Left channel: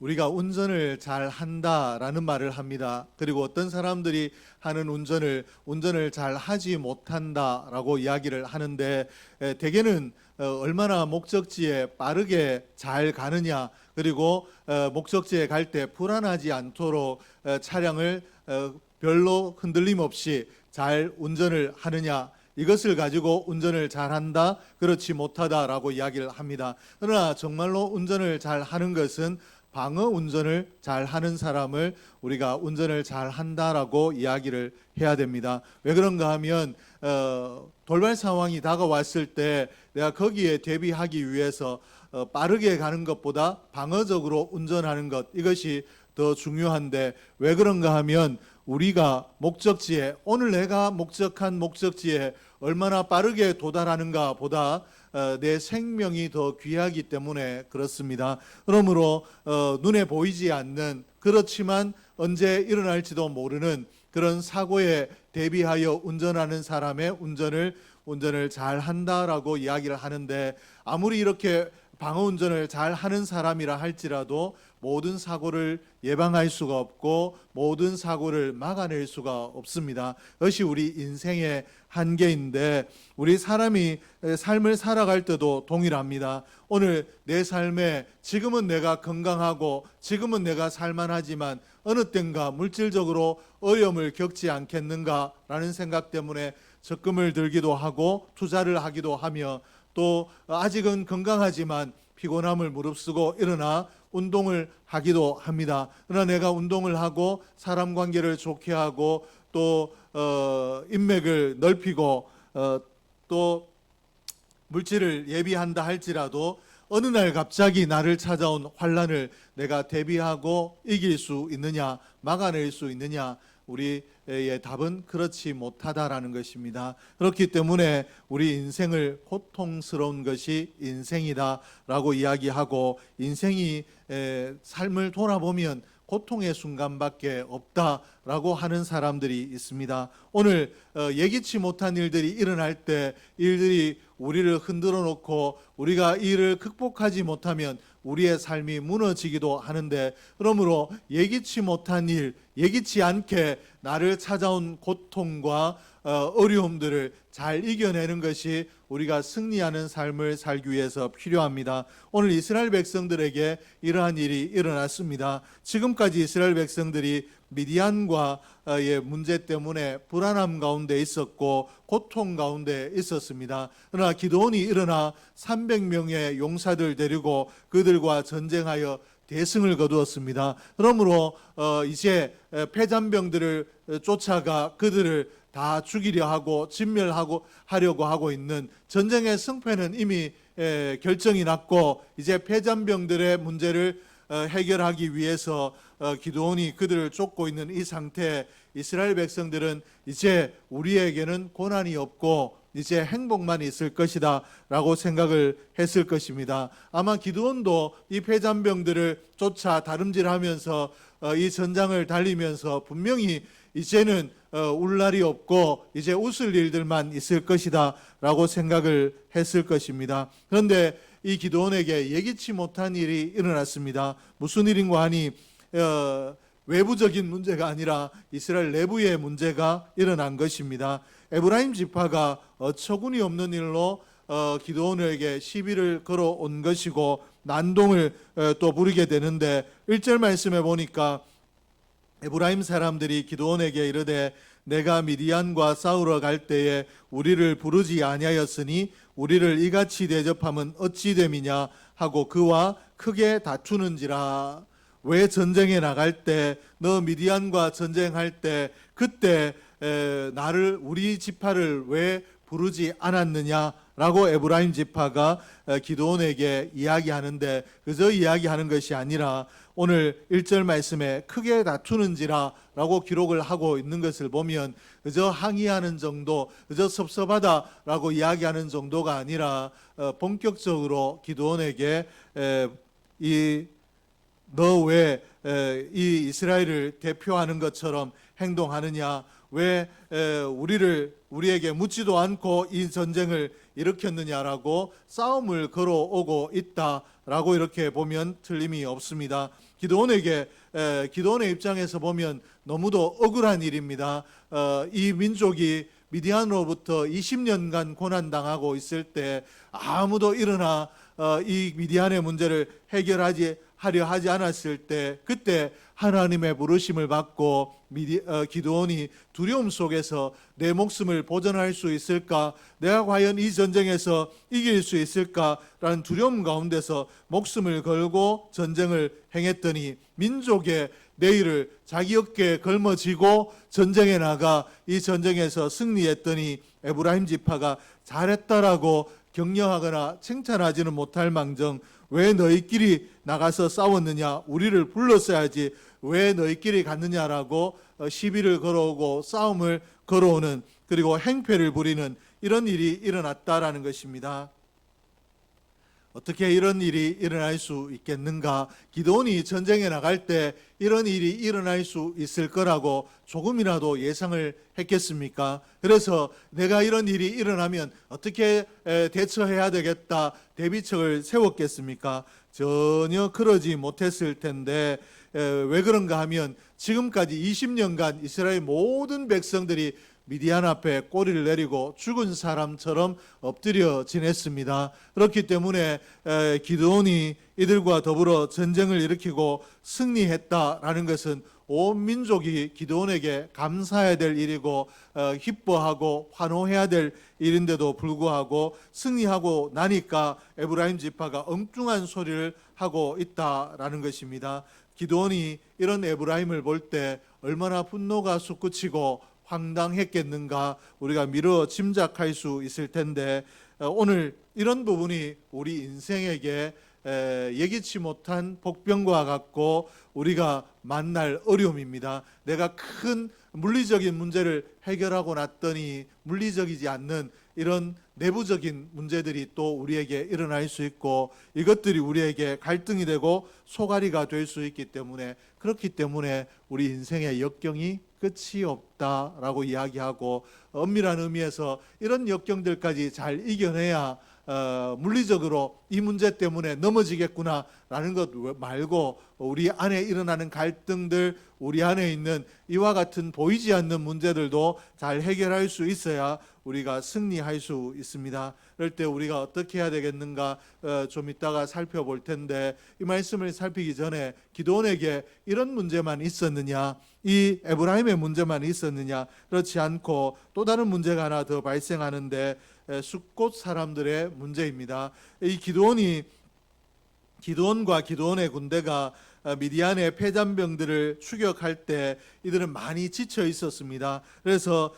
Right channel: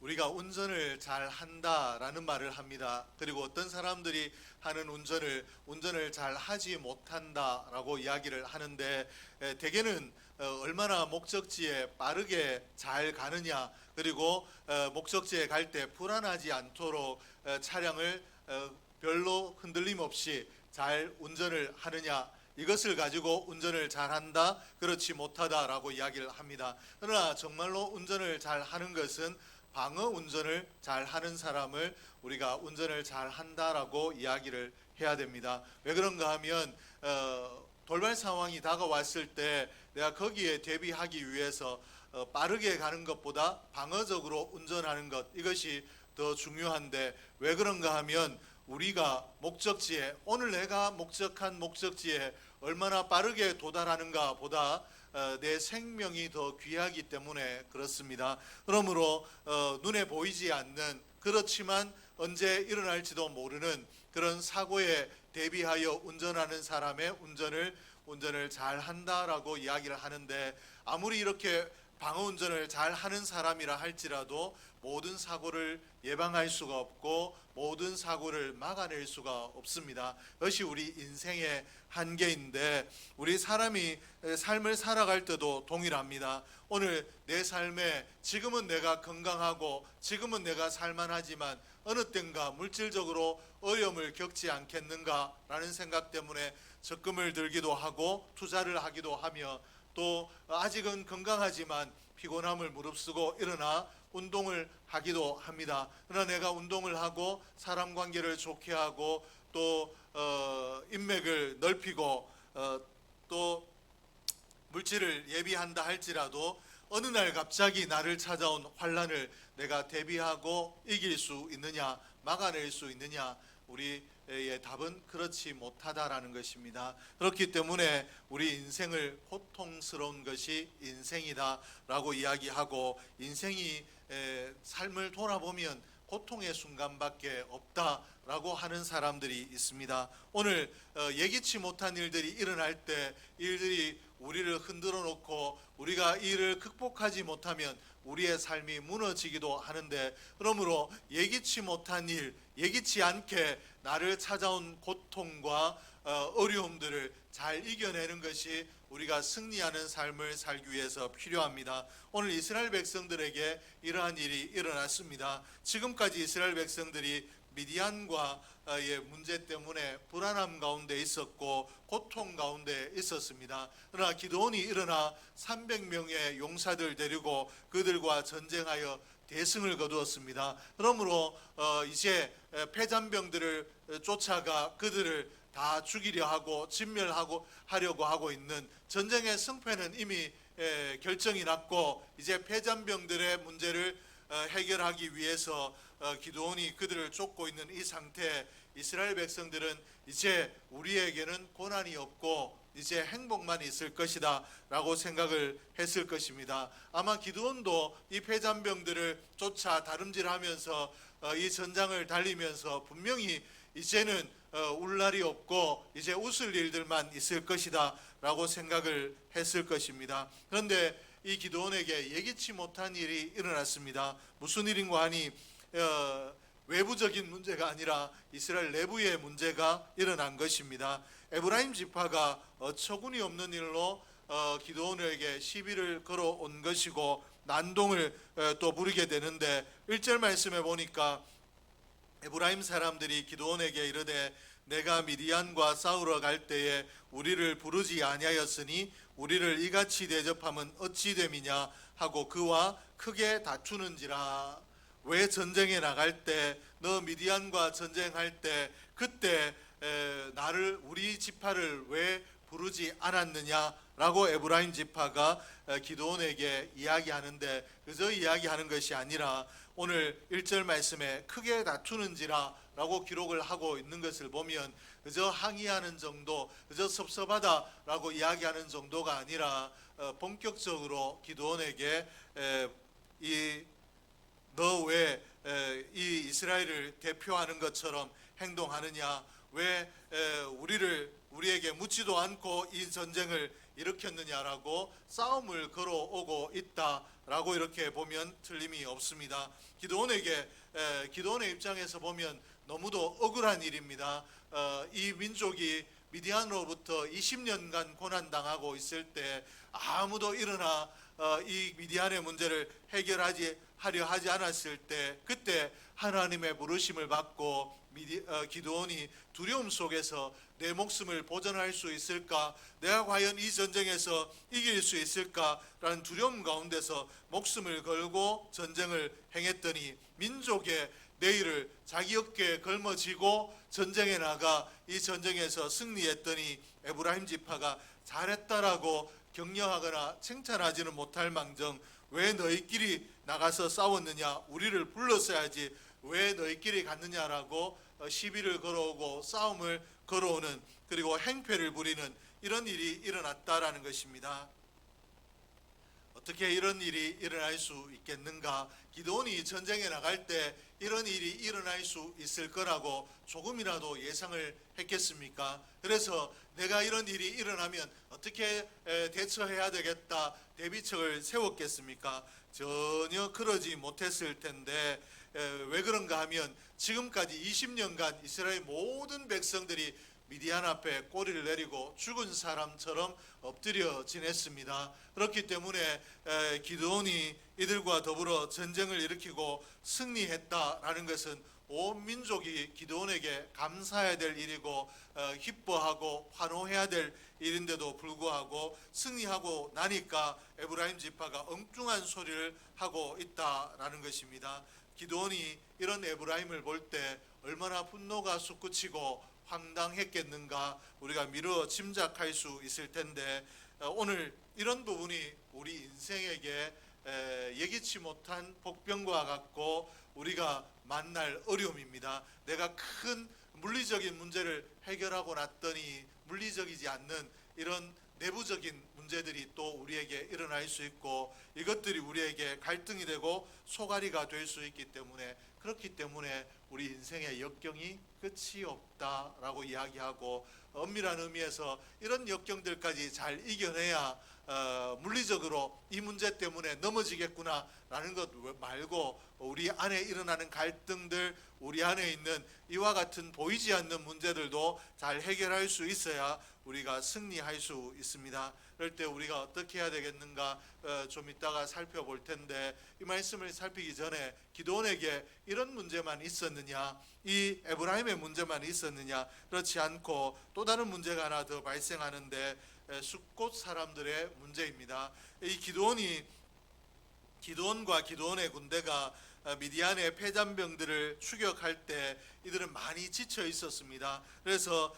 우리가 운전을 잘 한다라는 말을 합니다. 그리고 어떤 사람들이 하는 운전을 잘 하지 못한다라고 이야기를 하는데, 대개는 얼마나 목적지에 빠르게 잘 가느냐, 그리고 목적지에 갈 때 불안하지 않도록 차량을 별로 흔들림 없이 잘 운전을 하느냐, 이것을 가지고 운전을 잘한다, 그렇지 못하다라고 이야기를 합니다. 그러나 정말로 운전을 잘하는 것은 방어 운전을 잘하는 사람을 우리가 운전을 잘한다라고 이야기를 해야 됩니다. 왜 그런가 하면 돌발 상황이 다가왔을 때 내가 거기에 대비하기 위해서 빠르게 가는 것보다 방어적으로 운전하는 것, 이것이 더 중요한데, 왜 그런가 하면 우리가 목적지에, 오늘 내가 목적한 목적지에 얼마나 빠르게 도달하는가 보다 내 생명이 더 귀하기 때문에 그렇습니다. 그러므로 눈에 보이지 않는, 그렇지만 언제 일어날지도 모르는 그런 사고에 대비하여 운전하는 사람의 운전을 잘 한다라고 이야기를 하는데, 아무리 이렇게 방어 운전을 잘 하는 사람이라 할지라도 모든 사고를 예방할 수가 없고 모든 사고를 막아낼 수가 없습니다. 그것이 우리 인생의 한계인데, 우리 사람이 삶을 살아갈 때도 동일합니다. 오늘 내 삶에 지금은 내가 건강하고 지금은 내가 살만하지만 어느 땐가 물질적으로 어려움을 겪지 않겠는가라는 생각 때문에 적금을 들기도 하고 투자를 하기도 하며, 또 아직은 건강하지만 피곤함을 무릅쓰고 일어나 운동을 하기도 합니다. 그러나 내가 운동을 하고 사람 관계를 좋게 하고 또 인맥을 넓히고 또 물질을 예비한다 할지라도 어느 날 갑자기 나를 찾아온 환난을 내가 대비하고 이길 수 있느냐, 막아낼 수 있느냐, 우리의 답은 그렇지 못하다라는 것입니다. 그렇기 때문에 우리 인생을 고통스러운 것이 인생이다라고 이야기하고, 인생이 삶을 돌아보면 고통의 순간밖에 없다라고 하는 사람들이 있습니다. 오늘 예기치 못한 일들이 일어날 때, 일들이 우리를 흔들어 놓고 우리가 이 일을 극복하지 못하면 우리의 삶이 무너지기도 하는데, 그러므로 예기치 못한 일, 예기치 않게 나를 찾아온 고통과 어려움들을 잘 이겨내는 것이 우리가 승리하는 삶을 살기 위해서 필요합니다. 오늘 이스라엘 백성들에게 이러한 일이 일어났습니다. 지금까지 이스라엘 백성들이 미디안과의 문제 때문에 불안함 가운데 있었고 고통 가운데 있었습니다. 그러나 기드온이 일어나 300명의 용사들 데리고 그들과 전쟁하여 대승을 거두었습니다. 그러므로 이제 패잔병들을 쫓아가 그들을 다 죽이려 하고 진멸하고 하려고 하고 있는, 전쟁의 승패는 이미 결정이 났고 이제 패잔병들의 문제를 해결하기 위해서 기드온이 그들을 쫓고 있는 이 상태에 이스라엘 백성들은 이제 우리에게는 고난이 없고 이제 행복만 있을 것이다 라고 생각을 했을 것입니다. 아마 기드온도 이 패잔병들을 쫓아 다름질하면서 이 전장을 달리면서 분명히 이제는 울 날이 없고 이제 웃을 일들만 있을 것이다 라고 생각을 했을 것입니다. 그런데 이 기드온에게 예기치 못한 일이 일어났습니다. 무슨 일인가 하니 외부적인 문제가 아니라 이스라엘 내부의 문제가 일어난 것입니다. 에브라임 지파가 어처구니 없는 일로 기드온에게 시비를 걸어온 것이고 난동을 또 부리게 되는데, 1절 말씀에 보니까 에브라임 사람들이 기드온에게 이르되 내가 미디안과 싸우러 갈 때에 우리를 부르지 아니하였으니 우리를 이같이 대접함은 어찌 됨이냐 하고 그와 크게 다투는지라. 왜 전쟁에 나갈 때, 너 미디안과 전쟁할 때 그때 나를, 우리 지파를 왜 부르지 않았느냐라고 에브라임 지파가 기드온에게 이야기하는데, 그저 이야기하는 것이 아니라 오늘 1절 말씀에 크게 다투는지라 라고 기록을 하고 있는 것을 보면 그저 항의하는 정도, 그저 섭섭하다라고 이야기하는 정도가 아니라 본격적으로 기드온에게 너 왜 이 이스라엘을 대표하는 것처럼 행동하느냐, 왜 우리에게 묻지도 않고 이 전쟁을 일으켰느냐라고 싸움을 걸어오고 있다 라고 이렇게 보면 틀림이 없습니다. 기드온의 입장에서 보면 너무도 억울한 일입니다. 이 민족이 미디안으로부터 20년간 고난당하고 있을 때 아무도 일어나 이 미디안의 문제를 하려 하지 않았을 때, 그때 하나님의 부르심을 받고 기드온이 두려움 속에서 내 목숨을 보존할 수 있을까, 내가 과연 이 전쟁에서 이길 수 있을까라는 두려움 가운데서 목숨을 걸고 전쟁을 행했더니 민족의 내일을 자기 어깨에 걸머쥐고 전쟁에 나가 이 전쟁에서 승리했더니 에브라임 지파가 잘했다라고 격려하거나 칭찬하지는 못할 망정, 왜 너희끼리 나가서 싸웠느냐, 우리를 불렀어야지 왜 너희끼리 갔느냐라고 시비를 걸어오고 싸움을 걸어오는, 그리고 행패를 부리는 이런 일이 일어났다라는 것입니다. 어떻게 이런 일이 일어날 수 있겠는가? 기드온이 전쟁에 나갈 때 이런 일이 일어날 수 있을 거라고 조금이라도 예상을 했겠습니까? 그래서 내가 이런 일이 일어나면 어떻게 대처해야 되겠다, 대비책을 세웠겠습니까? 전혀 그러지 못했을 텐데, 왜 그런가 하면 지금까지 20년간 이스라엘 모든 백성들이 미디안 앞에 꼬리를 내리고 죽은 사람처럼 엎드려 지냈습니다. 그렇기 때문에 기드온이 이들과 더불어 전쟁을 일으키고 승리했다라는 것은 온 민족이 기드온에게 감사해야 될 일이고 기뻐하고 환호해야 될 일인데도 불구하고 승리하고 나니까 에브라임 지파가 엉뚱한 소리를 하고 있다라는 것입니다. 기드온이 이런 에브라임을 볼 때 얼마나 분노가 솟구치고 황당했겠는가 우리가 미루어 짐작할 수 있을 텐데, 오늘 이런 부분이 우리 인생에게 예기치 못한 복병과 같고 우리가 만날 어려움입니다. 내가 큰 물리적인 문제를 해결하고 났더니 물리적이지 않는 이런 내부적인 문제들이 또 우리에게 일어날 수 있고, 이것들이 우리에게 갈등이 되고 소갈이가 될 수 있기 때문에, 그렇기 때문에 우리 인생의 역경이 끝이 없다라고 이야기하고, 엄밀한 의미에서 이런 역경들까지 잘 이겨내야 물리적으로 이 문제 때문에 넘어지겠구나라는 것 말고 우리 안에 일어나는 갈등들, 우리 안에 있는 이와 같은 보이지 않는 문제들도 잘 해결할 수 있어야 우리가 승리할 수 있습니다. 그럴 때 우리가 어떻게 해야 되겠는가 좀 이따가 살펴볼 텐데, 이 말씀을 살피기 전에 기드온에게 이런 문제만 있었느냐, 이 에브라임의 문제만 있었느냐, 그렇지 않고 또 다른 문제가 하나 더 발생하는데 숫곳 사람들의 문제입니다. 이 기드온과 기드온의 군대가 미디안의 패잔병들을 추격할 때 이들은 많이 지쳐 있었습니다. 그래서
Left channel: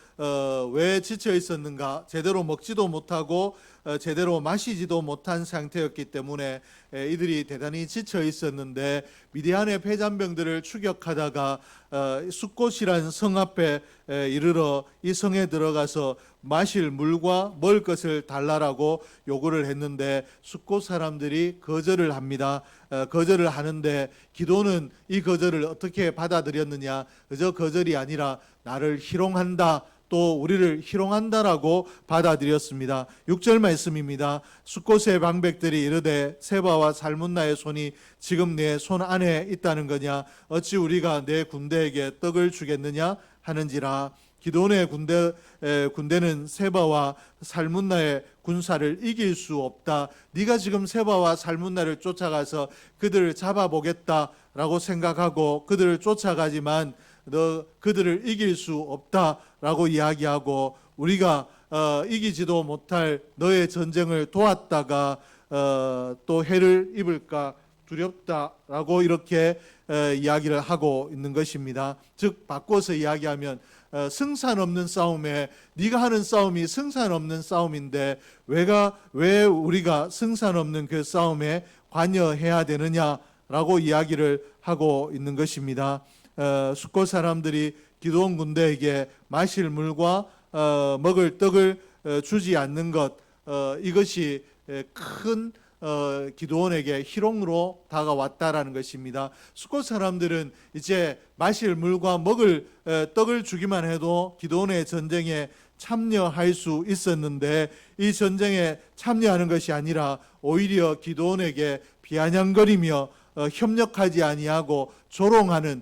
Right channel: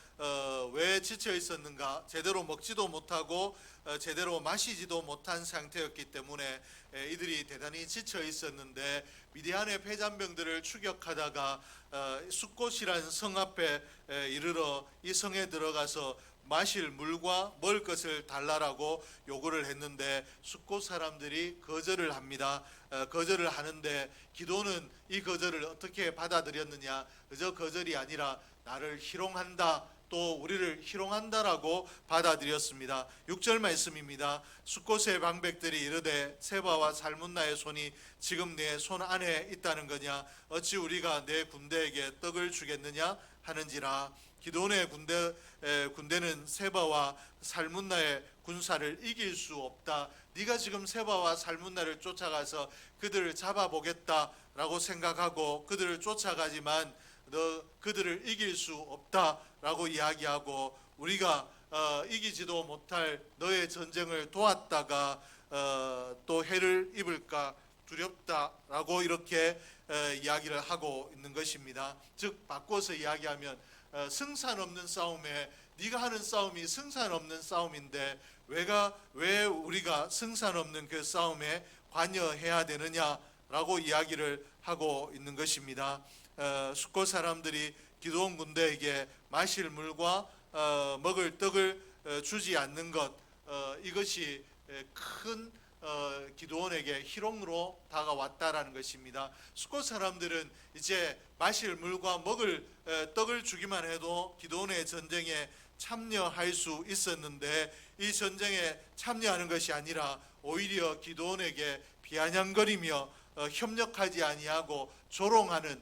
왜 지쳐 있었는가? 제대로 먹지도 못하고 제대로 마시지도 못한 상태였기 때문에 이들이 대단히 지쳐 있었는데, 미디안의 패잔병들을 추격하다가 숫곳이란 성 앞에 이르러 이 성에 들어가서 마실 물과 먹을 것을 달라라고 요구를 했는데 숫곳 사람들이 거절을 합니다. 거절을 하는데 기드온은 이 거절을 어떻게 받아들였느냐? 그저 거절이 아니라 나를 희롱한다, 또 우리를 희롱한다라고 받아들였습니다. 6절 말씀입니다. 숫곳의 방백들이 이르되 세바와 살문나의 손이 지금 내 손 안에 있다는 거냐? 어찌 우리가 내 군대에게 떡을 주겠느냐 하는지라. 기드온의 군대는 세바와 살문나의 군사를 이길 수 없다. 네가 지금 세바와 살문나를 쫓아가서 그들을 잡아보겠다라고 생각하고 그들을 쫓아가지만 너 그들을 이길 수 없다라고 이야기하고, 우리가 이기지도 못할 너의 전쟁을 도왔다가 또 해를 입을까 두렵다라고 이렇게 이야기를 하고 있는 것입니다. 즉 바꿔서 이야기하면 승산 없는 싸움에, 네가 하는 싸움이 승산 없는 싸움인데 왜 우리가 승산 없는 그 싸움에 관여해야 되느냐라고 이야기를 하고 있는 것입니다. 숫곳 사람들이 기드온 군대에게 마실 물과 먹을 떡을 주지 않는 것, 이것이 큰 기드온에게 희롱으로 다가왔다라는 것입니다. 숫곳 사람들은 이제 마실 물과 먹을 떡을 주기만 해도 기드온의 전쟁에 참여할 수 있었는데, 이 전쟁에 참여하는 것이 아니라 오히려 기드온에게 비아냥거리며 협력하지 아니하고 조롱하는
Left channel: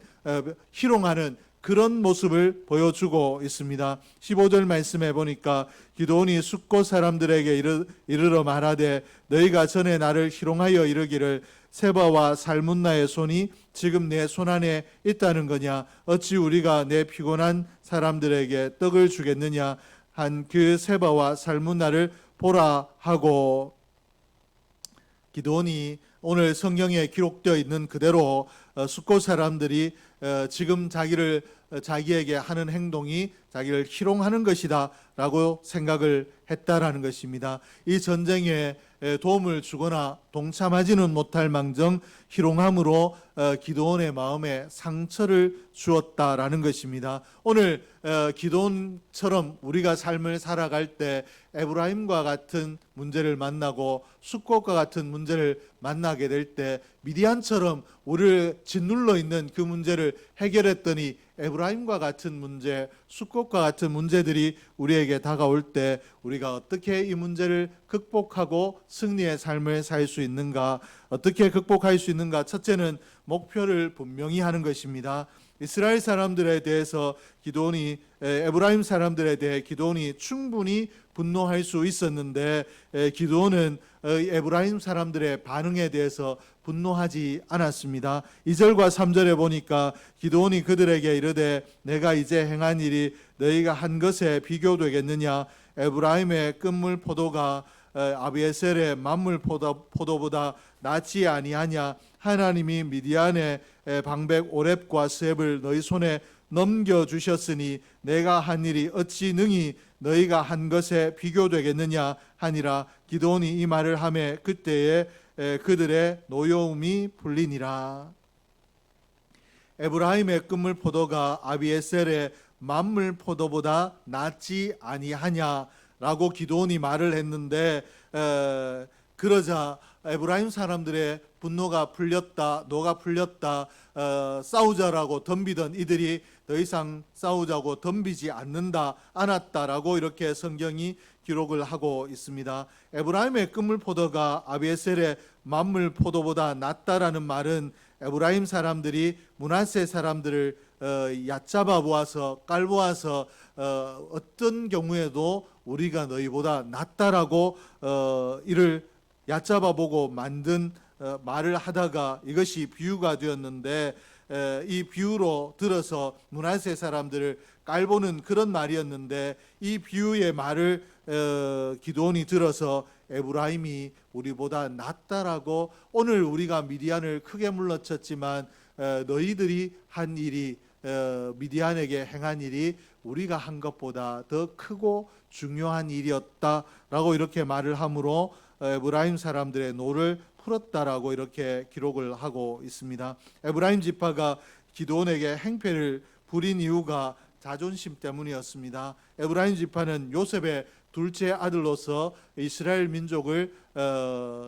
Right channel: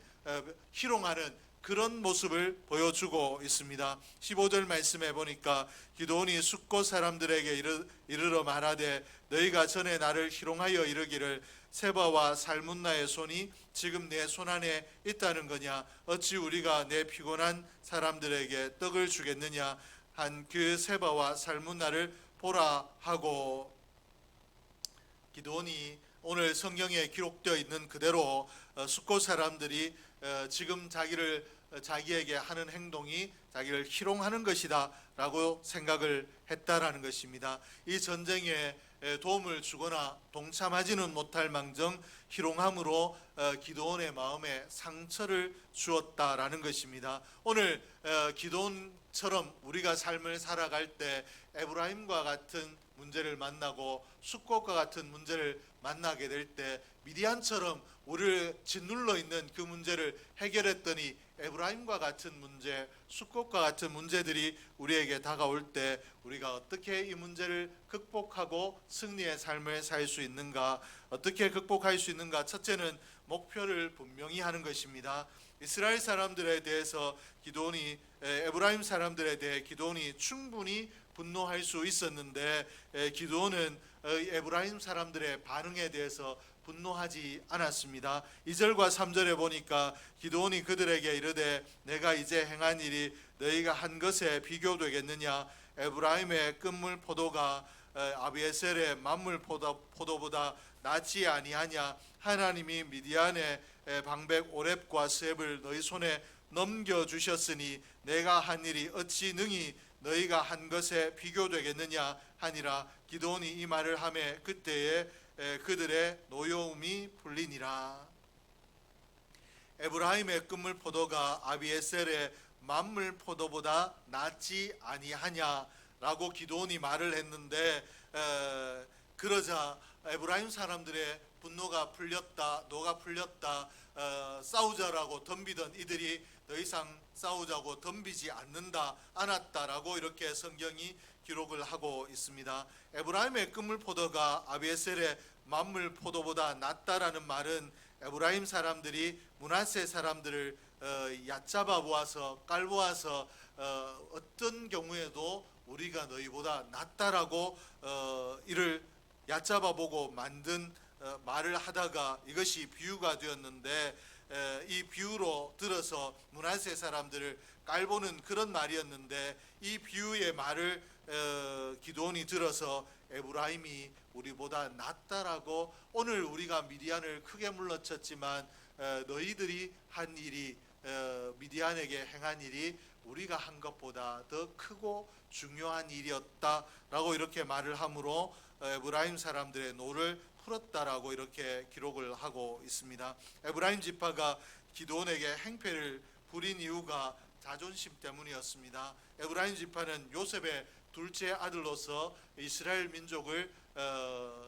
희롱하는 그런 모습을 보여주고 있습니다. 15절 말씀해 보니까 기드온이 숫곳 사람들에게 이르러 말하되 너희가 전에 나를 희롱하여 이르기를 세바와 살문나의 손이 지금 내 손안에 있다는 거냐, 어찌 우리가 내 피곤한 사람들에게 떡을 주겠느냐 한 그 세바와 살문나를 보라 하고, 기드온이 오늘 성경에 기록되어 있는 그대로 숫곳 사람들이 지금 자기에게 하는 행동이 자기를 희롱하는 것이다 라고 생각을 했다라는 것입니다. 이 전쟁에 도움을 주거나 동참하지는 못할 망정 희롱함으로 기드온의 마음에 상처를 주었다라는 것입니다. 오늘 기드온처럼 우리가 삶을 살아갈 때 에브라임과 같은 문제를 만나고 숫곳과 같은 문제를 만나게 될 때 미디안처럼 우리를 짓눌러 있는 그 문제를 해결했더니 에브라임과 같은 문제, 숫곳과 같은 문제들이 우리에게 다가올 때 우리가 어떻게 이 문제를 극복하고 승리의 삶을 살 수 있는가, 어떻게 극복할 수 있는가? 첫째는 목표를 분명히 하는 것입니다. 이스라엘 사람들에 대해서 기드온이, 에브라임 사람들에 대해 기드온이 충분히 분노할 수 있었는데 기드온은 에브라임 사람들의 반응에 대해서 분노하지 않았습니다. 2절과 3절에 보니까 기드온이 그들에게 이르되 내가 이제 행한 일이 너희가 한 것에 비교되겠느냐, 에브라임의 끝물 포도가 아비에셀의 만물 포도보다 낫지 아니하냐, 하나님이 미디안의 방백 오렙과 스앱을 너희 손에 넘겨주셨으니 내가 한 일이 어찌 능히 너희가 한 것에 비교되겠느냐 하니라. 기드온이 이 말을 하매 그때에 그들의 노여움이 풀리니라. 에브라임의 끝물 포도가 아비에셀의 만물 포도보다 낫지 아니하냐라고 기드온이 말을 했는데, 그러자 에브라임 사람들의 분노가 풀렸다, 노가 풀렸다, 싸우자라고 덤비던 이들이 더 이상 싸우자고 덤비지 않았다라고 이렇게 성경이 기록을 하고 있습니다. 에브라임의 끝물 포도가 아비에셀의 만물 포도보다 낫다라는 말은 에브라임 사람들이 므낫세 사람들을 얕잡아 보아서 깔보아서 어떤 경우에도 우리가 너희보다 낫다라고 이를 얕잡아 보고 만든 말을 하다가 이것이 비유가 되었는데, 이 비유로 들어서 므낫세 사람들을 깔보는 그런 말이었는데, 이 비유의 말을 기드온이 들어서 에브라임이 우리보다 낫다라고, 오늘 우리가 미디안을 크게 물러쳤지만 너희들이 한 일이, 미디안에게 행한 일이 우리가 한 것보다 더 크고 중요한 일이었다라고 이렇게 말을 함으로 에브라임 사람들의 노를 풀었다라고 이렇게 기록을 하고 있습니다. 에브라임 지파가 기드온에게 행패를 부린 이유가 자존심 때문이었습니다. 에브라임 지파는 요셉의 둘째 아들로서 이스라엘 민족을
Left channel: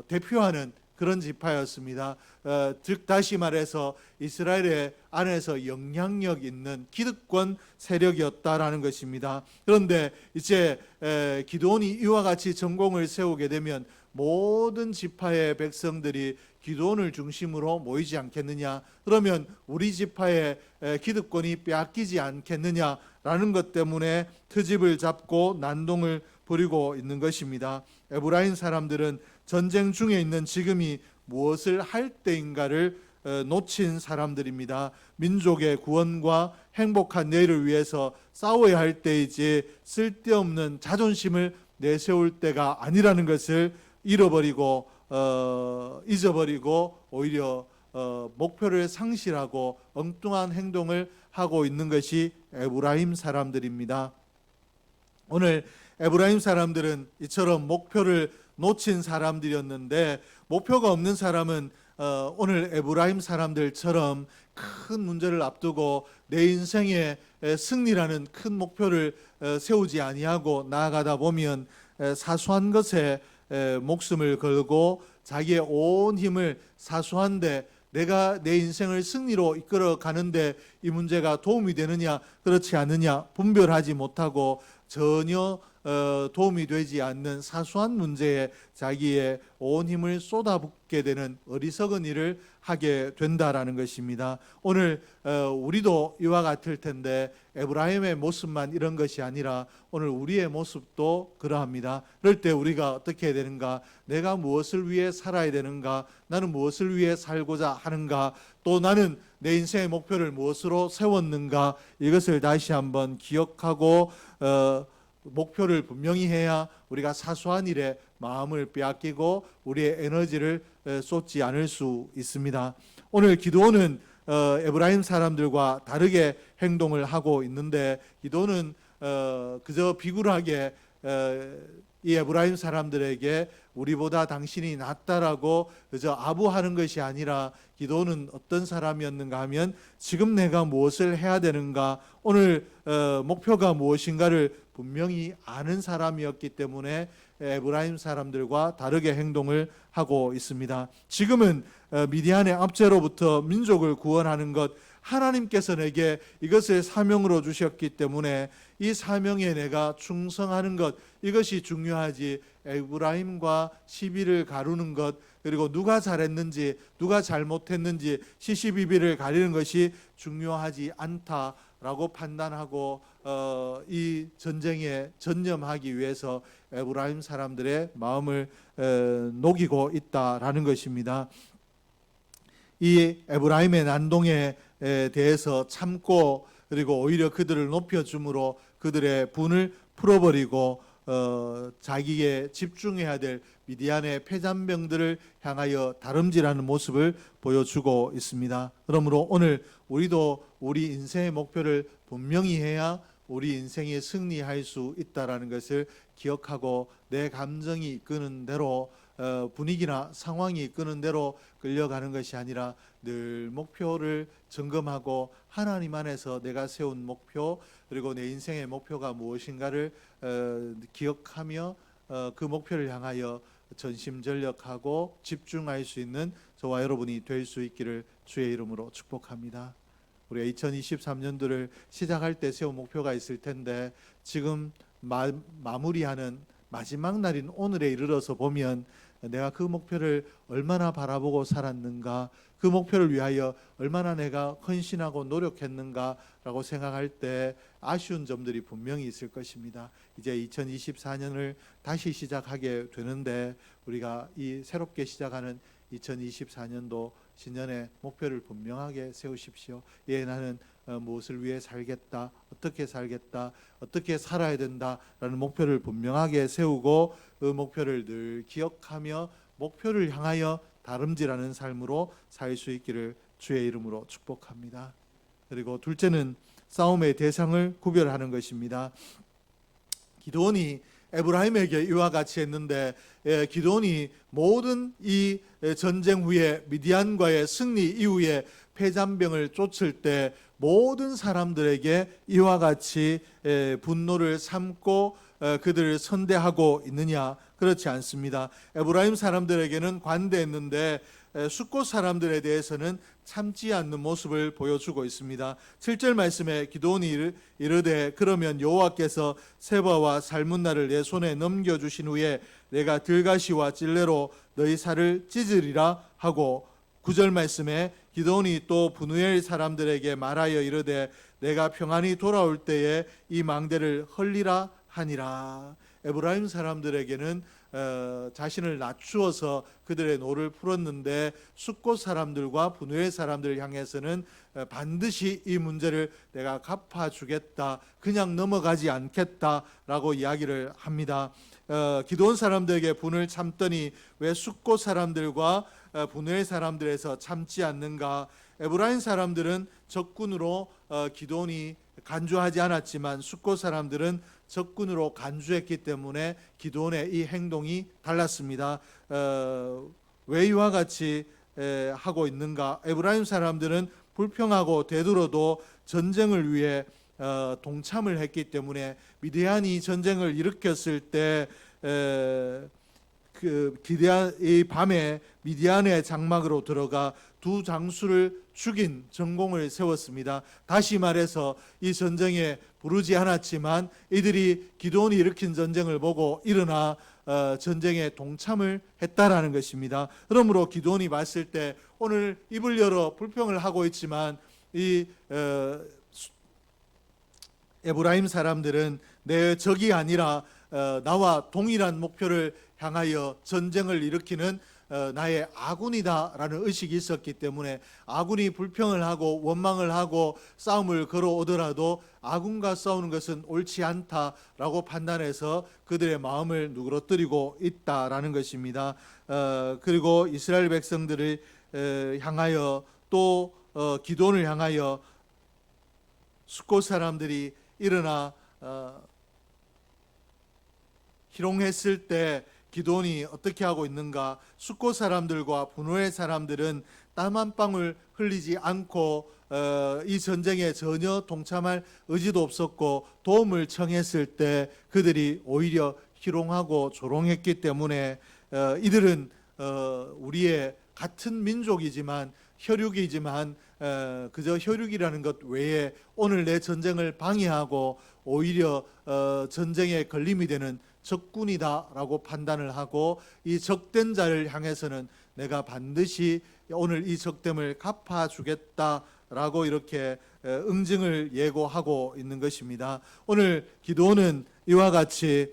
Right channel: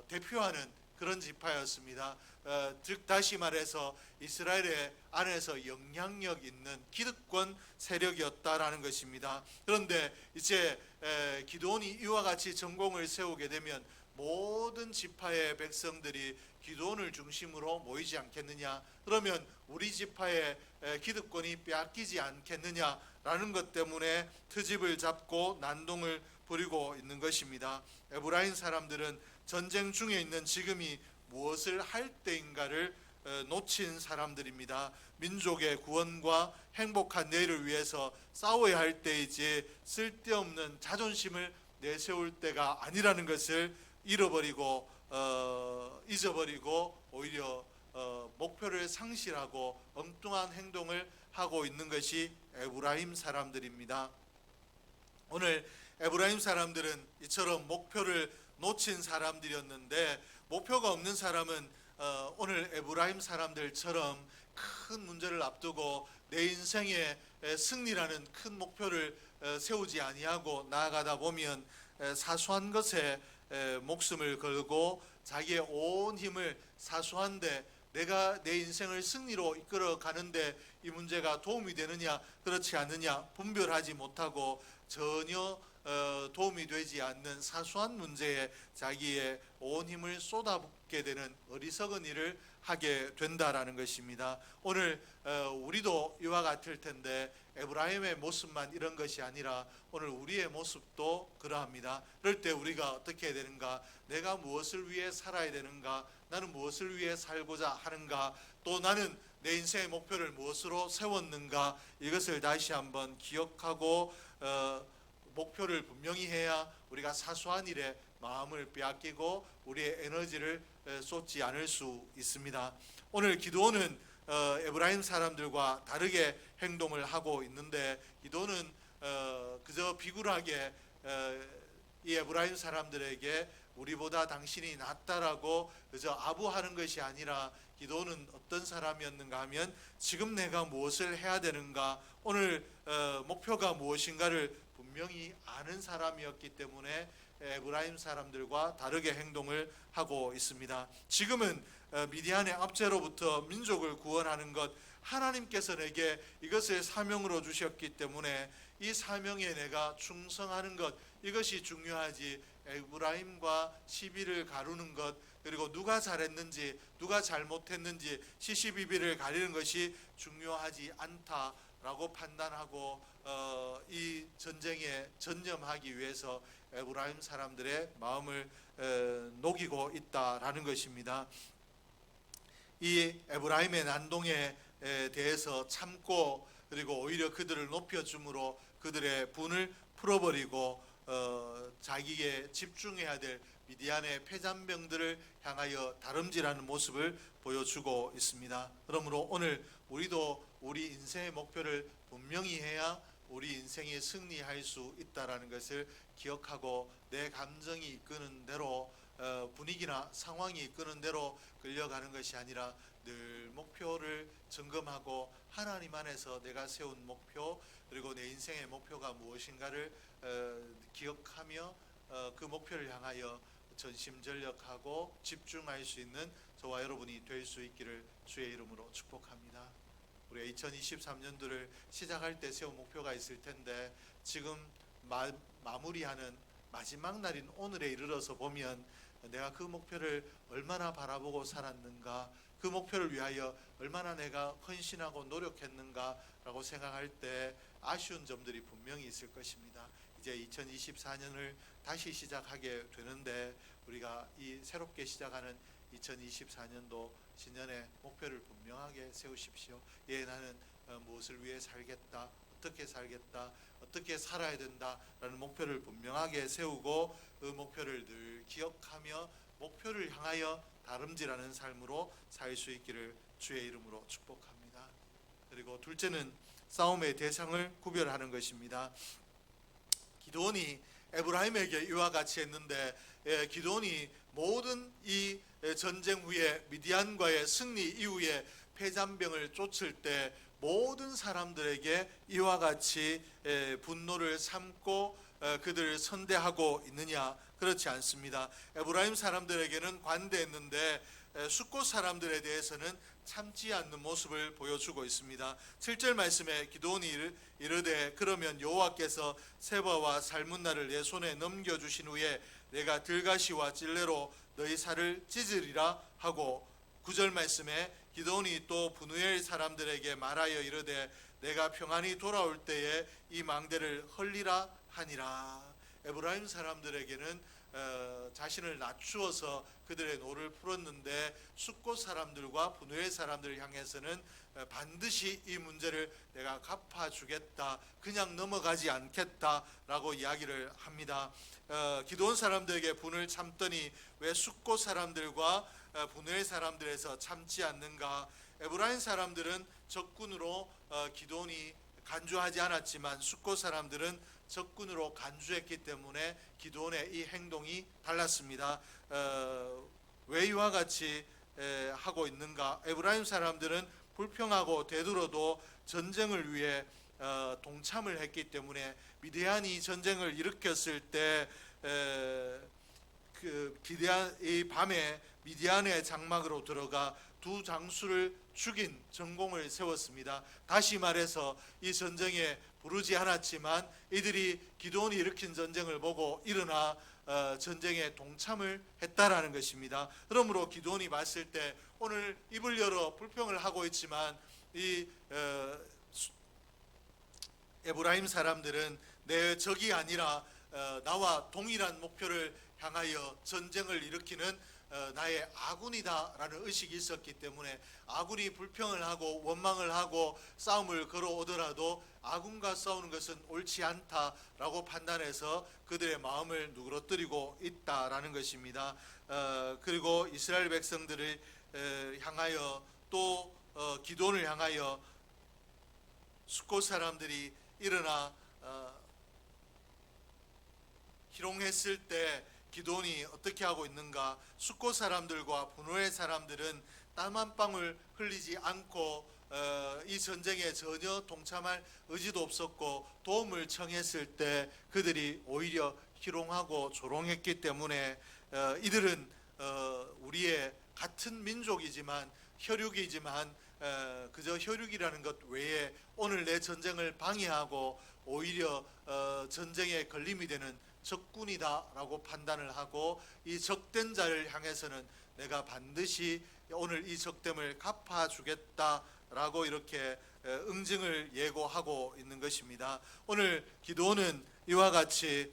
대표하는 그런 지파였습니다. 즉 다시 말해서 이스라엘의 안에서 영향력 있는 기득권 세력이었다라는 것입니다. 그런데 이제 기드온이 이와 같이 전공을 세우게 되면 모든 지파의 백성들이 기드온을 중심으로 모이지 않겠느냐, 그러면 우리 지파의 기득권이 빼앗기지 않겠느냐라는 것 때문에 트집을 잡고 난동을 부리고 있는 것입니다. 에브라임 사람들은 전쟁 중에 있는 지금이 무엇을 할 때인가를 놓친 사람들입니다. 민족의 구원과 행복한 내일을 위해서 싸워야 할 때이지 쓸데없는 자존심을 내세울 때가 아니라는 것을 잃어버리고 잊어버리고 오히려 목표를 상실하고 엉뚱한 행동을 하고 있는 것이 에브라임 사람들입니다. 오늘 에브라임 사람들은 이처럼 목표를 놓친 사람들이었는데, 목표가 없는 사람은 오늘 에브라임 사람들처럼 큰 문제를 앞두고 내 인생의 승리라는 큰 목표를 세우지 아니하고 나아가다 보면 사소한 것에 목숨을 걸고 자기의 온 힘을 사소한데 내가 내 인생을 승리로 이끌어 가는데 이 문제가 도움이 되느냐 그렇지 않느냐 분별하지 못하고 전혀 도움이 되지 않는 사소한 문제에 자기의 온 힘을 쏟아붓게 되는 어리석은 일을 하게 된다라는 것입니다. 오늘 우리도 이와 같을 텐데 에브라임의 모습만 이런 것이 아니라 오늘 우리의 모습도 그러합니다. 그럴 때 우리가 어떻게 해야 되는가? 내가 무엇을 위해 살아야 되는가? 나는 무엇을 위해 살고자 하는가? 또 나는 내 인생의 목표를 무엇으로 세웠는가? 이것을 다시 한번 기억하고 목표를 분명히 해야 우리가 사소한 일에 마음을 빼앗기고 우리의 에너지를 쏟지 않을 수 있습니다. 오늘 기드온은 에브라임 사람들과 다르게 행동을 하고 있는데 기드온은 그저 비굴하게 이 에브라임 사람들에게 우리보다 당신이 낫다라고 그저 아부하는 것이 아니라 기도는 어떤 사람이었는가 하면 지금 내가 무엇을 해야 되는가, 오늘 목표가 무엇인가를 분명히 아는 사람이었기 때문에 에브라임 사람들과 다르게 행동을 하고 있습니다. 지금은 미디안의 압제로부터 민족을 구원하는 것, 하나님께서 내게 이것을 사명으로 주셨기 때문에 이 사명에 내가 충성하는 것, 이것이 중요하지 에브라임과 시비를 가르는 것, 그리고 누가 잘했는지 누가 잘못했는지 시시비비를 가리는 것이 중요하지 않다라고 판단하고 이 전쟁에 전념하기 위해서 에브라임 사람들의 마음을 녹이고 있다라는 것입니다. 이 에브라임의 난동에 대해서 참고 그리고 오히려 그들을 높여줌으로 그들의 분을 풀어버리고 자기에 집중해야 될 미디안의 패잔병들을 향하여 다름질하는 모습을 보여주고 있습니다. 그러므로 오늘 우리도 우리 인생의 목표를 분명히 해야 우리 인생에 승리할 수 있다라는 것을 기억하고 내 감정이 이끄는 대로 분위기나 상황이 이끄는 대로 끌려가는 것이 아니라 늘 목표를 점검하고 하나님 안에서 내가 세운 목표 그리고 내 인생의 목표가 무엇인가를 기억하며 그 목표를 향하여 전심전력하고 집중할 수 있는 저와 여러분이 될 수 있기를 주의 이름으로 축복합니다. 우리가 2023년도를 시작할 때 세운 목표가 있을 텐데 지금 마무리하는 마지막 날인 오늘에 이르러서 보면 내가 그 목표를 얼마나 바라보고 살았는가, 그 목표를 위하여 얼마나 내가 헌신하고 노력했는가라고 생각할 때 아쉬운 점들이 분명히 있을 것입니다. 이제 2024년을 다시 시작하게 되는데 우리가 이 새롭게 시작하는 2024년도 신년의 목표를 분명하게 세우십시오. 예, 나는 무엇을 위해 살겠다, 어떻게 살겠다, 어떻게 살아야 된다라는 목표를 분명하게 세우고 그 목표를 늘 기억하며 목표를 향하여 다름질하는 삶으로 살 수 있기를 주의 이름으로 축복합니다. 그리고 둘째는 싸움의 대상을 구별하는 것입니다. 기드온이 에브라임에게 이와 같이 했는데 기드온이 모든 이 전쟁 후에 미디안과의 승리 이후에 패잔병을 쫓을 때 모든 사람들에게 이와 같이 분노를 삼고 그들을 선대하고 있느냐? 그렇지 않습니다. 에브라임 사람들에게는 관대했는데 숫곳 사람들에 대해서는 참지 않는 모습을 보여주고 있습니다. 7절 말씀에 기드온이 이르되 그러면 여호와께서 세바와 살문나를 내 손에 넘겨주신 후에 내가 들가시와 찔레로 너희 살을 찢으리라 하고 9절 말씀에 기드온이 또 브누엘 사람들에게 말하여 이르되 내가 평안히 돌아올 때에 이 망대를 헐리라 하니라. 에브라임 사람들에게는 자신을 낮추어서 그들의 노를 풀었는데 숫곳 사람들과 브누엘 사람들을 향해서는 반드시 이 문제를 내가 갚아주겠다, 그냥 넘어가지 않겠다라고 이야기를 합니다. 기드온 사람들에게 분을 참더니 왜 숫곳 사람들과 브누엘 사람들에서 참지 않는가? 에브라임 사람들은 적군으로 기드온이 간주하지 않았지만 숫곳 사람들은 적군으로 간주했기 때문에 기드온의 이 행동이 달랐습니다. 왜 이와 같이 하고 있는가? 에브라임 사람들은 불평하고 되들어도 전쟁을 위해 동참을 했기 때문에 미디안이 전쟁을 일으켰을 때 이 밤에 미디안의 장막으로 들어가 두 장수를 죽인 전공을 세웠습니다. 다시 말해서 이 전쟁에 부르지 않았지만 이들이 기드온이 일으킨 전쟁을 보고 일어나 전쟁에 동참을 했다라는 것입니다. 그러므로 기드온이 봤을 때 오늘 입을 열어 불평을 하고 있지만 이 에브라임 사람들은 내 적이 아니라 나와 동일한 목표를 향하여 전쟁을 일으키는 나의 아군이다라는 의식이 있었기 때문에 아군이 불평을 하고 원망을 하고 싸움을 걸어오더라도 아군과 싸우는 것은 옳지 않다라고 판단해서 그들의 마음을 누그러뜨리고 있다라는 것입니다. 그리고 이스라엘 백성들을 향하여 또 기드온을 향하여 숫곳 사람들이 일어나 희롱했을 때 기드온이 어떻게 하고 있는가? 숫곳 사람들과 분노의 사람들은 땀 한 방울 흘리지 않고 이 전쟁에 전혀 동참할 의지도 없었고 도움을 청했을 때 그들이 오히려 희롱하고 조롱했기 때문에 이들은 우리의 같은 민족이지만 혈육이지만 그저 혈육이라는 것 외에 오늘 내 전쟁을 방해하고 오히려 전쟁에 걸림이 되는 적군이다라고 판단을 하고 이 적된 자를 향해서는 내가 반드시 오늘 이 적됨을 갚아주겠다라고 이렇게 응징을 예고하고 있는 것입니다. 오늘 기도는 이와 같이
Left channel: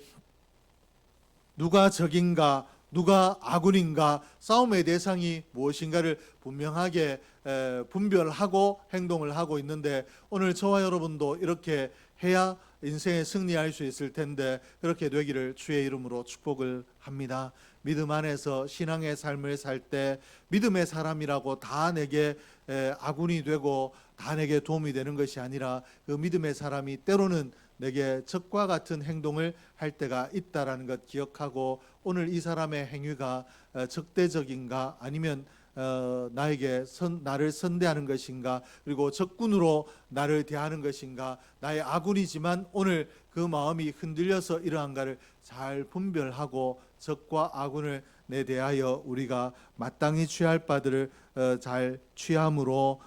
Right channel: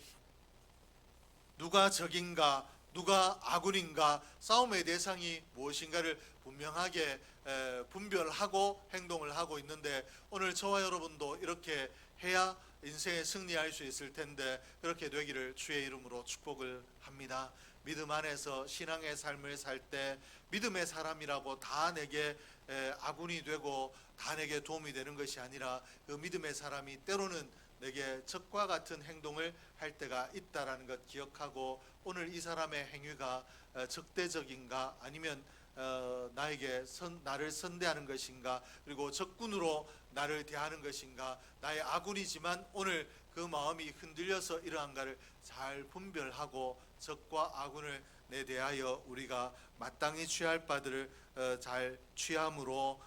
누가 적인가 누가 아군인가 싸움의 대상이 무엇인가를 분명하게 분별하고 행동을 하고 있는데 오늘 저와 여러분도 이렇게 해야 인생에 승리할 수 있을 텐데 그렇게 되기를 주의 이름으로 축복을 합니다. 믿음 안에서 신앙의 삶을 살 때 믿음의 사람이라고 다 내게 아군이 되고 다 내게 도움이 되는 것이 아니라 그 믿음의 사람이 때로는 내게 적과 같은 행동을 할 때가 있다라는 것 기억하고 오늘 이 사람의 행위가 적대적인가 아니면 나에게 나를 선대하는 것인가 그리고 적군으로 나를 대하는 것인가 나의 아군이지만 오늘 그 마음이 흔들려서 이러한가를 잘 분별하고 적과 아군을 내 대하여 우리가 마땅히 취할 바들을 잘 취함으로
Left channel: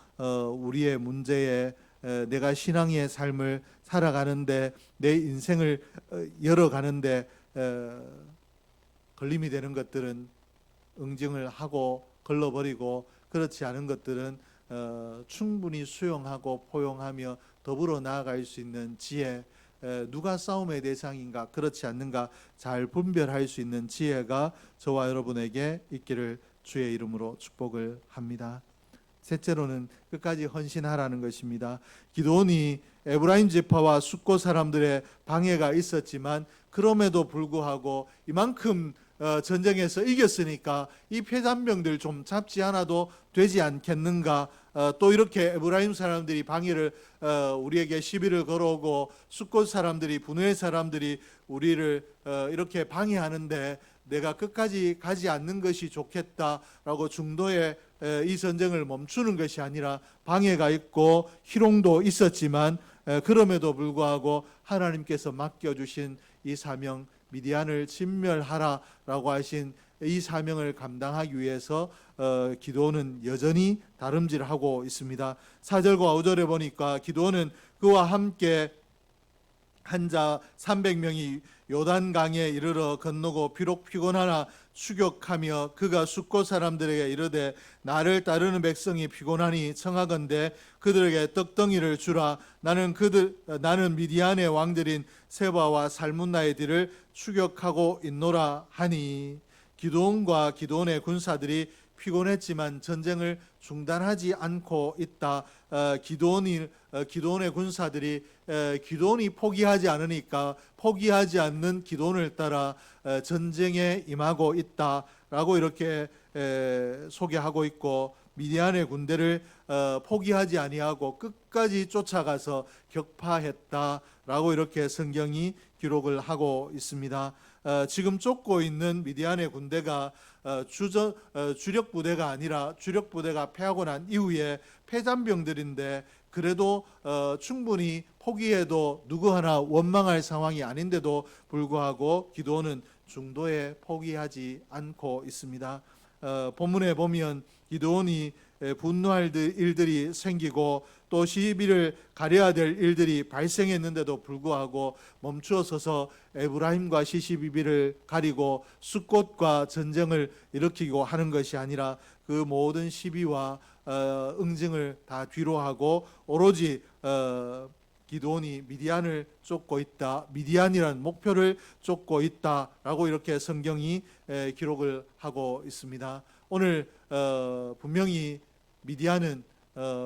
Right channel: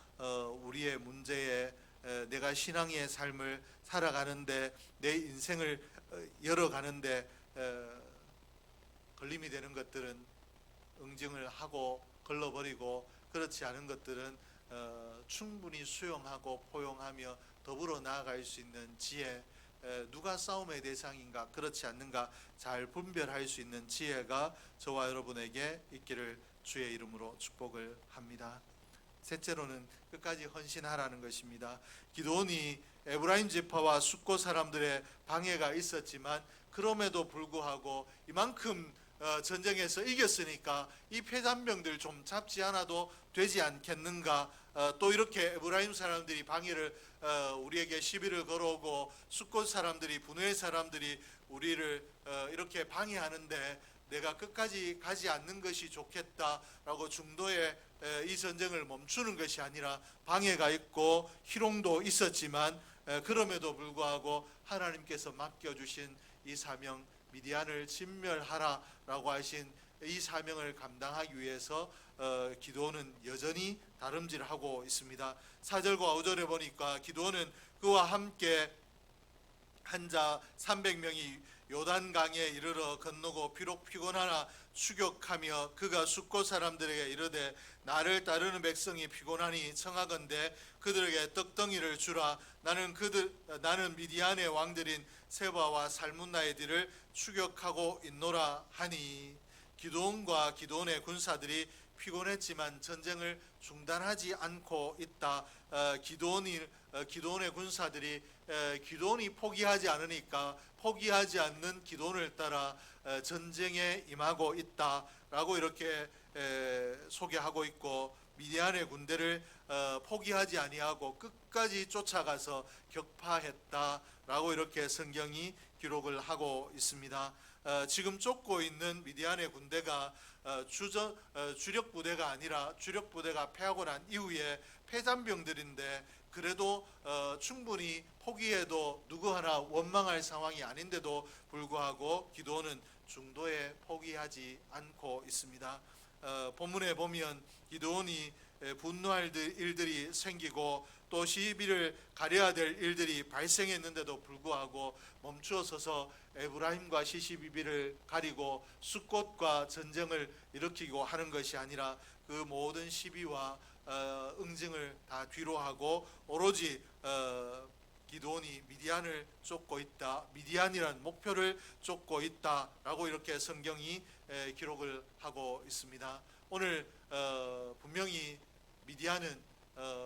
우리의 문제에 내가 신앙의 삶을 살아가는데 내 인생을 열어가는데 걸림이 되는 것들은 응징을 하고 걸러버리고 그렇지 않은 것들은 충분히 수용하고 포용하며 더불어 나아갈 수 있는 지혜 누가 싸움의 대상인가 그렇지 않는가 잘 분별할 수 있는 지혜가 저와 여러분에게 있기를 주의 이름으로 축복을 합니다. 셋째로는 끝까지 헌신하라는 것입니다. 기드온이 에브라임 지파와 숫곳 사람들의 방해가 있었지만 그럼에도 불구하고 이만큼 전쟁에서 이겼으니까 이 패잔병들 좀 잡지 않아도 되지 않겠는가 또 이렇게 에브라임 사람들이 방해를 우리에게 시비를 걸어오고 숫곳 사람들이 분노의 사람들이 우리를 이렇게 방해하는데 내가 끝까지 가지 않는 것이 좋겠다라고 중도에 이 전쟁을 멈추는 것이 아니라 방해가 있고 희롱도 있었지만 그럼에도 불구하고 하나님께서 맡겨주신 이 사명 미디안을 진멸하라라고 하신 이 사명을 감당하기 위해서 기드온은 여전히 다름질하고 있습니다. 4절과 5절에 보니까 기드온은 그와 함께 한자 300명이 요단강에 이르러 건너고 비록 피곤하나 추격하며 그가 숫곳 사람들에게 이르되 나를 따르는 백성이 피곤하니 청하건대 그들에게 떡덩이를 주라. 나는 미디안의 왕들인 세바와 살문나의 뒤를 추격하고 있노라 하니 기드온과 기드온의 군사들이 피곤했지만 전쟁을 중단하지 않고 있다. 기드온의 군사들이 기드온이 포기하지 않으니까 포기하지 않는 기드온을 따라 전쟁에 임하고 있다라고 이렇게 소개하고 있고 미디안의 군대를 포기하지 아니하고 끝까지 쫓아가서 격파했다라고 이렇게 성경이 기록을 하고 있습니다. 지금 쫓고 있는 미디안의 군대가 주력 부대가 아니라 주력 부대가 패하고 난 이후에 패잔병들인데 그래도 충분히 포기해도 누구 하나 원망할 상황이 아닌데도 불구하고 기드온은 중도에 포기하지 않고 있습니다. 본문에 보면 기드온이 분노할 일들이 생기고 또 시비를 가려야 될 일들이 발생했는데도 불구하고 멈추어 서서 에브라임과 시시비비를 가리고 숫곳과 전쟁을 일으키고 하는 것이 아니라 그 모든 시비와 응징을 다 뒤로하고 오로지 기드온이 미디안을 쫓고 있다, 미디안이라는 목표를 쫓고 있다라고 이렇게 성경이 기록을 하고 있습니다. 오늘 분명히 미디안은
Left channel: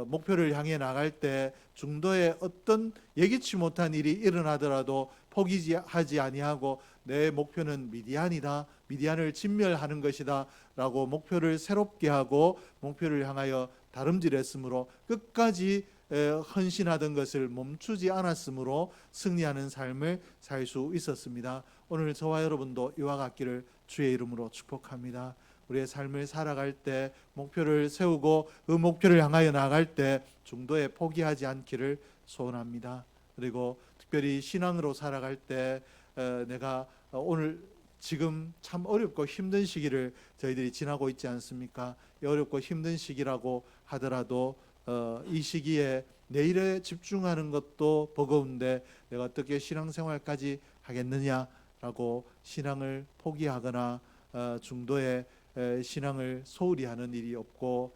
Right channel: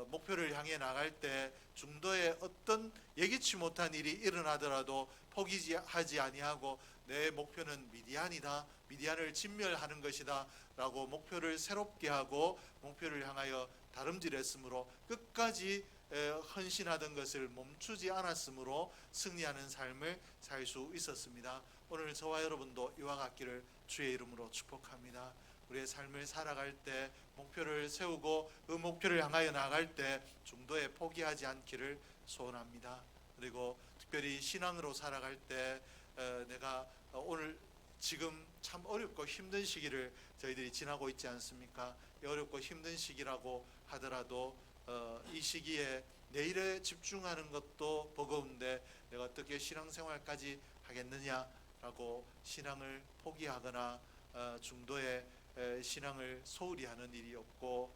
목표를 향해 나갈 때 중도에 어떤 예기치 못한 일이 일어나더라도 포기하지 아니하고 내 목표는 미디안이다, 미디안을 진멸하는 것이다 라고 목표를 새롭게 하고 목표를 향하여 다름질했으므로 끝까지 헌신하던 것을 멈추지 않았으므로 승리하는 삶을 살 수 있었습니다. 오늘 저와 여러분도 이와 같기를 주의 이름으로 축복합니다. 우리의 삶을 살아갈 때 목표를 세우고 그 목표를 향하여 나갈 때 중도에 포기하지 않기를 소원합니다. 그리고 특별히 신앙으로 살아갈 때 내가 오늘 지금 참 어렵고 힘든 시기를 저희들이 지나고 있지 않습니까? 어렵고 힘든 시기라고 하더라도 이 시기에 내일에 집중하는 것도 버거운데 내가 어떻게 신앙생활까지 하겠느냐라고 신앙을 포기하거나 중도에 신앙을 소홀히 하는 일이 없고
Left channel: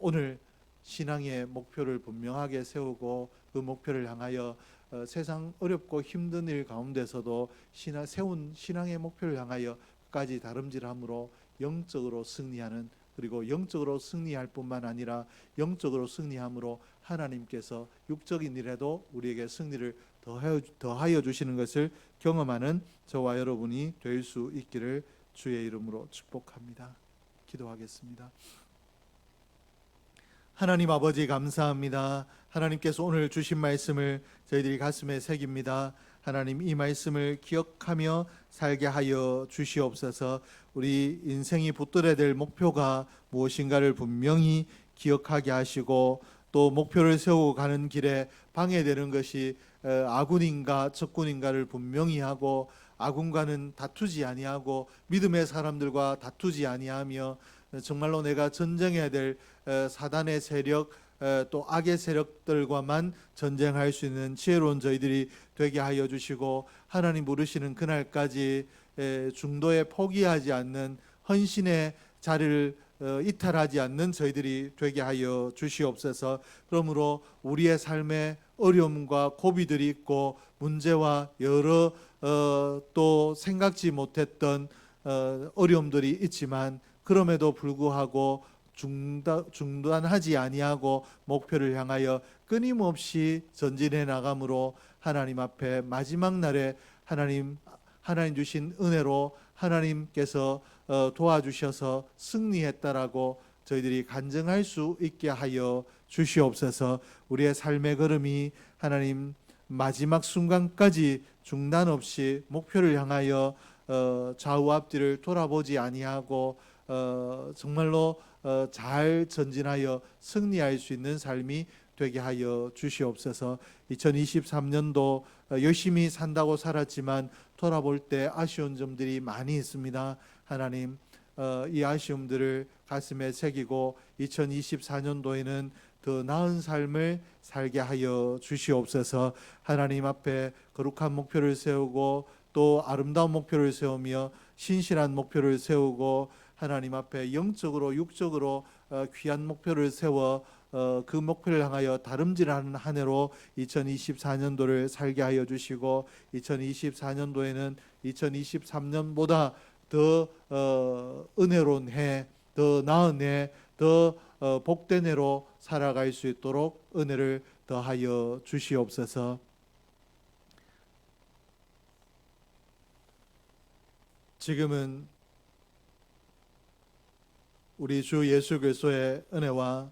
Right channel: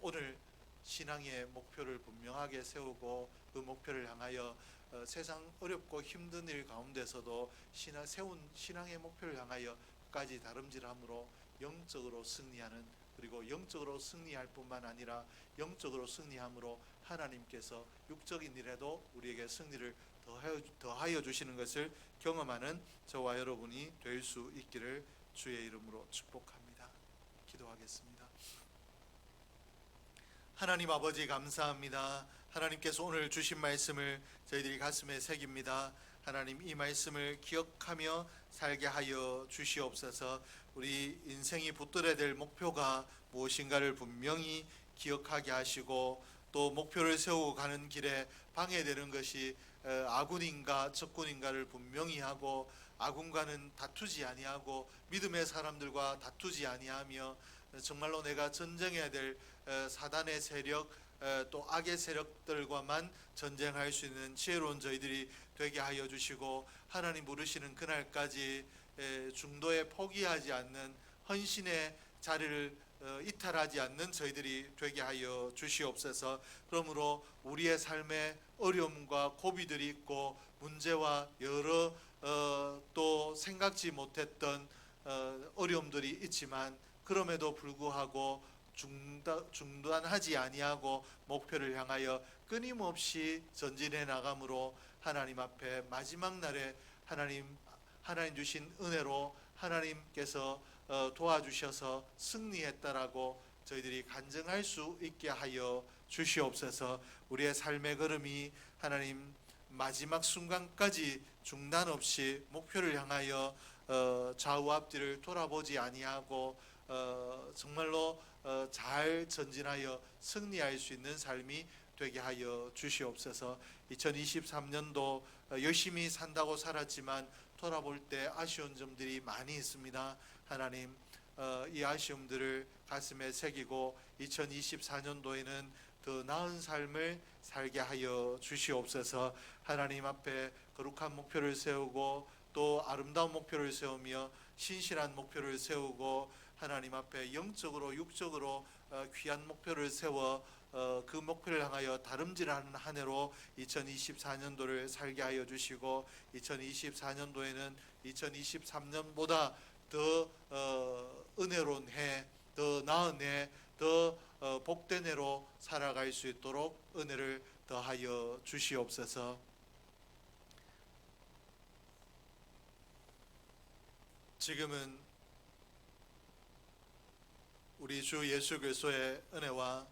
오늘 신앙의 목표를 분명하게 세우고 그 목표를 향하여 세상 어렵고 힘든 일 가운데서도 세운 신앙의 목표를 향하여 끝까지 다름질함으로 영적으로 승리하는, 그리고 영적으로 승리할 뿐만 아니라 영적으로 승리함으로 하나님께서 육적인 일에도 우리에게 승리를 더하여 주시는 것을 경험하는 저와 여러분이 될 수 있기를 주의 이름으로 축복합니다. 기도하겠습니다. 하나님 아버지 감사합니다. 하나님께서 오늘 주신 말씀을 저희들이 가슴에 새깁니다. 하나님 이 말씀을 기억하며 살게 하여 주시옵소서. 우리 인생이 붙들어야 될 목표가 무엇인가를 분명히 기억하게 하시고 또 목표를 세우고 가는 길에 방해되는 것이 아군인가 적군인가를 분명히 하고 아군과는 다투지 아니하고 믿음의 사람들과 다투지 아니하며 정말로 내가 전쟁해야 될 사단의 세력 또 악의 세력들과만 전쟁할 수 있는 지혜로운 저희들이 되게 하여 주시고 하나님 부르시는 그날까지 중도에 포기하지 않는 헌신의 자리를 이탈하지 않는 저희들이 되게 하여 주시옵소서. 그러므로 우리의 삶에 어려움과 고비들이 있고 문제와 여러 또 생각지 못했던 어려움들이 있지만 그럼에도 불구하고 중단하지 아니하고 목표를 향하여 끊임없이 전진해 나감으로 하나님 앞에 마지막 날에 하나님 주신 은혜로 하나님께서 도와주셔서 승리했다라고 저희들이 간증할 수 있게 하여 주시옵소서. 우리의 삶의 걸음이 하나님 마지막 순간까지 중단 없이 목표를 향하여 좌우 앞뒤를 돌아보지 아니하고 정말로 잘 전진하여 승리할 수 있는 삶이 되게 하여 주시옵소서. 2023년도 열심히 산다고 살았지만 돌아볼 때 아쉬운 점들이 많이 있습니다. 하나님 이 아쉬움들을 가슴에 새기고 2024년도에는 더 나은 삶을 살게 하여 주시옵소서. 하나님 앞에 거룩한 목표를 세우고 또 아름다운 목표를 세우며 신실한 목표를 세우고 하나님 앞에 영적으로 육적으로 귀한 목표를 세워 그 목표를 향하여 다름질하는 한 해로 2024년도를 살게 하여 주시고 2024년도에는 2023년보다 더 은혜로운 해, 더 나은 해, 더 복된 해로 살아갈 수 있도록 은혜를 더하여 주시옵소서. 지금은 우리 주 예수 그리스도의 은혜와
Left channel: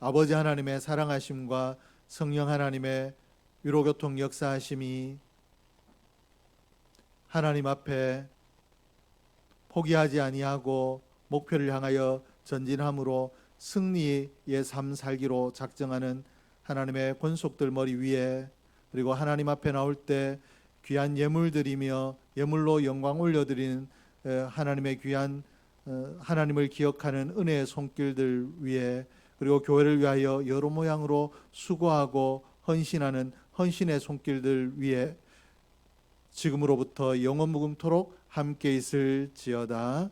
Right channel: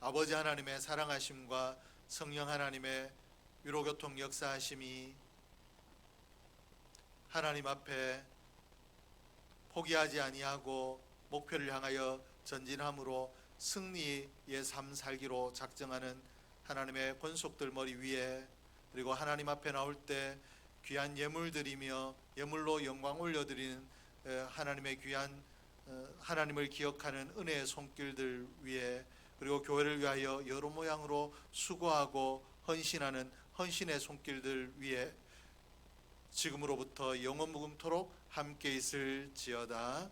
아버지 하나님의 사랑하심과 성령 하나님의 위로교통 역사하심이 하나님 앞에 포기하지 아니하고 목표를 향하여 전진함으로 승리의 삶 살기로 작정하는 하나님의 권속들 머리 위에, 그리고 하나님 앞에 나올 때 귀한 예물 드리며 예물로 영광 올려드리는 하나님의 귀한 하나님을 기억하는 은혜의 손길들 위에, 그리고 교회를 위하여 여러 모양으로 수고하고 헌신하는 헌신의 손길들 위에 지금으로부터 영원 무궁토록 함께 있을지어다.